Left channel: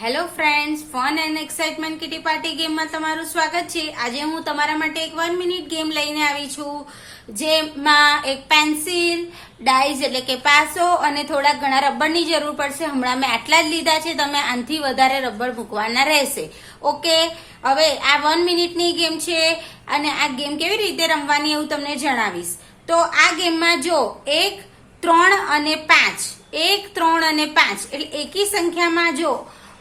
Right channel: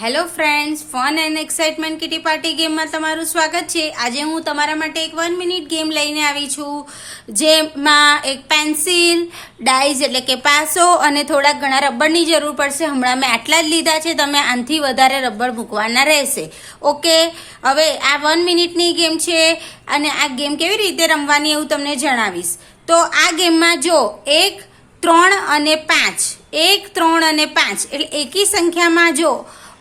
Hello friends, fun and excitement kitty party ગેમમાં તમારું સ્વાગત છે। આજે હું તમારા માટે એક 1 મિનિટ ગેમ લઈને આવી છું, જેમાં એક પેન્સિલ, ડાઇઝ એટલે કે પાસો અને થોડા ઘણા રબરની જરૂર પડશે। હમણાં મેં આટલા જ લીધા છે, તમે આનાથી વધારે રબર મૂકવાના રહેશે। ઓકે, હવે આ 1 મિનિટની ગેમ છે અને આ ગેમ કેવી રીતે રમવાની એવું તમને જણાવીશ। તો આ ગેમમાં જો 1, 3 અને 5, 1, 3 અને 5 એટલે એકી સંખ્યામાં જો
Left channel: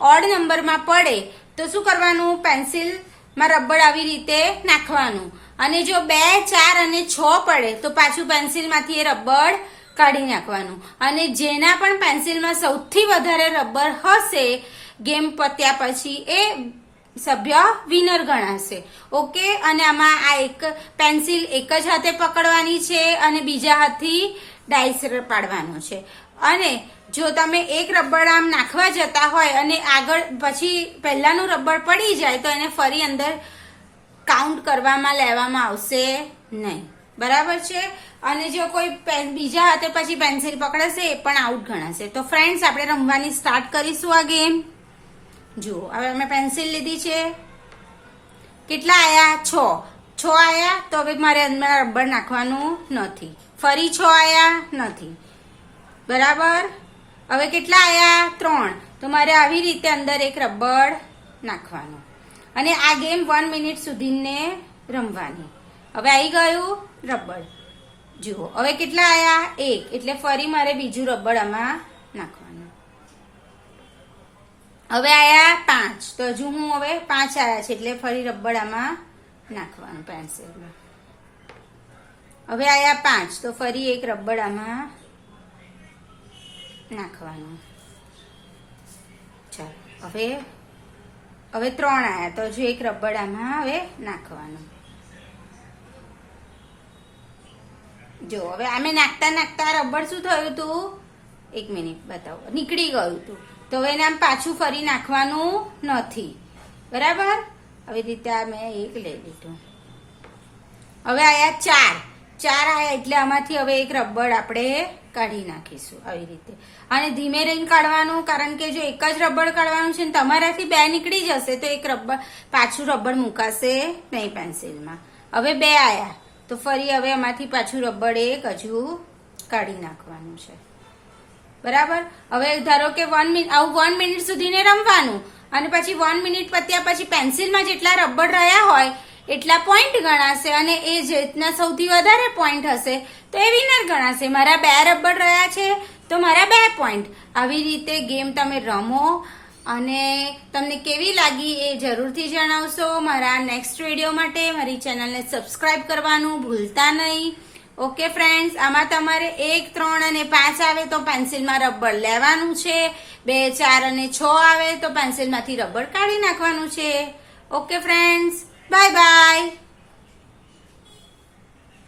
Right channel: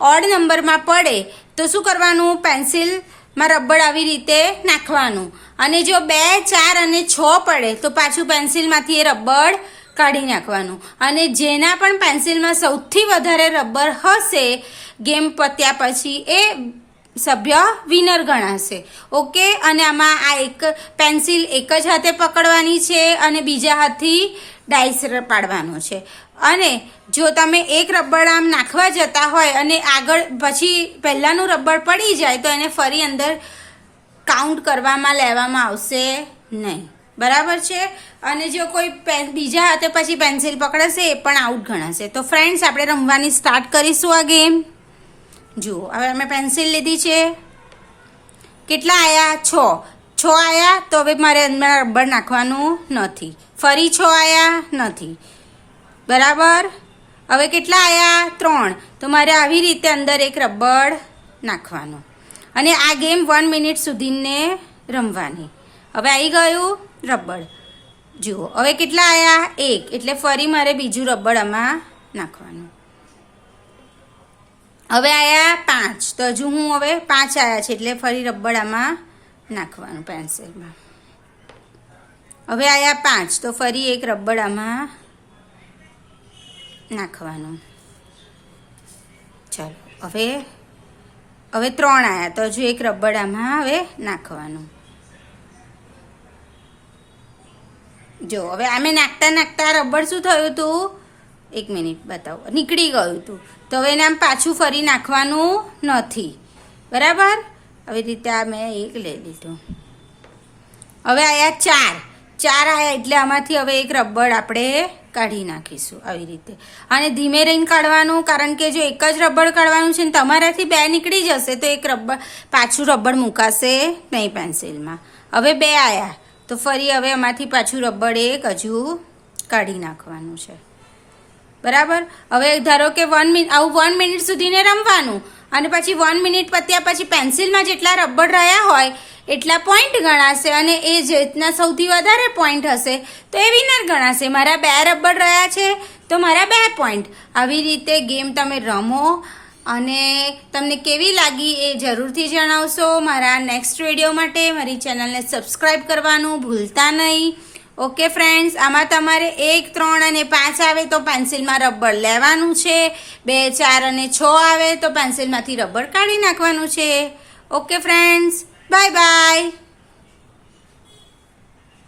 ઓડ નંબરમાં પડે તો શું કરવાનું? પેન્સિલમાં રબર આવી રીતે નાખવાનું, અને જો 2, 4 અને 6 પડે તો પાછું પેન્સિલમાંથી એ રબર કાઢી નાખવાનું, અને જેના પણ પેન્સિલમાં સૌથી વધારે રબર હશે ગેમ પત્યા પછી એ સભ્ય વિનર ગણાશે। ઓકે, અને આમાં આ એક પેન્સિલ એક જ હાથે પકડવાની છે અને બીજા હાથથી ડાઇસ પાડવાનો છે। અને જો તમે એક રબર આમ નાખવા જતા હોય અને આગળ પછી પહેલાનું રબર પડી જાય તો એને ફરી અંદર કાઉન્ટ કરવામાં લેવામાં આવશે નહીં, બરાબર છે। અને જો કોઈ બીજા હાથે પછી પેન્સિલ પકડશે એ પણ આઉટ ગણાશે। તો ફ્રેન્ડ્સ, આપણે રમવાની સ્ટાર્ટ કરીશું આ ગેમ। જુઓ, હવે અમે પેન્સિલ લીધી છે, કેટલા આયા? 6 આયા, તો હવે મારે અંદર રબર નાખવાનું નથી। ફરી 6 આયા નથી, બરાબર। હવે કેટલા આયા? 3, તો મારે આવી રીતે અંદર એક રબર નાખવાનું, અને આ ગેમ 1 મિનિટ સુધીને રમવાની। હવે આવી ગયું રબર, જુઓ હવે કેટલા આયા? 1, એટલે ફરી મારે બીજું રબર આમાં નાખવાનું। હવે આયા 5, તો હજુ હું હવે 5 આયા છે એટલે ફરી રબર આમાં નાખવાનું પેન્સિલમાં। હવે આયા 5, તો ફરી એક રબર આમાં નાખવાનું। ચાલો, હવે 3 આયા, તો હજુ એક રબર આમાં હવે નાખવાનું। જો હવે આમે નાખતા નાખતા રબર શું થયું હતું? 1 મિનિટ બતાવો, નીકળી ગયું હતું, તો હવે એને આમ પાછું ફરી નાખવાનું નથી, બરાબર। આવી રીતે આ મેં એક લઈ લીધું। હવે આયા 4 આયા, એટલે આમાંથી હવે એક રબર આપણે કાઢી નાખીશું આવી રીતે, અને ધીમે રહીને કાઢવાનું, કારણ કે જો એક જ રબર કાઢવાનું છે ને તમારાથી 2 નીકળી જશે તો એક રબર પાછું રબર મુકાશે નહીં પેન્સિલમાં। હવે 2 આયા, તો ફરી હવે આમાંથી પાછું રબર એક હજુ કાઢી નાખવાનું છે, બરાબર। હવે ધારો કે 1 મિનિટ આવું 1 મિનિટ સુધીને રમવાનું, અને પછી 1 મિનિટ પત્યા પછી પેન્સિલમાં જેટલા રબર રહ્યા હોય એટલા પોઈન્ટ ગણાશે, અને એ જેટના સૌથી વધારે પોઈન્ટ હશે તો એ વિનર ગણાશે। મારા 2 રબર રહ્યા છે તો મારા 2 પોઈન્ટ। આવી રીતે ગેમ તમે રમો, અને તમને કેવી લાગી એ જરૂરથી જણાવશો। મારા નેક્સ્ટ વિડીયો માટે મારી ચેનલને સબસ્ક્રાઈબ કરવાનું ભૂલતા નહીં। ઓકે ફ્રેન્ડ્સ, આમાં તમારે 1, 3 અને 5 આવે તો પેન્સિલમાં રબર લેવાનું છે, 2, 4 અને 6 આવે તો પેન્સિલમાંથી રબર કાઢી નાખવાનું છે। Okay friends, bye bye.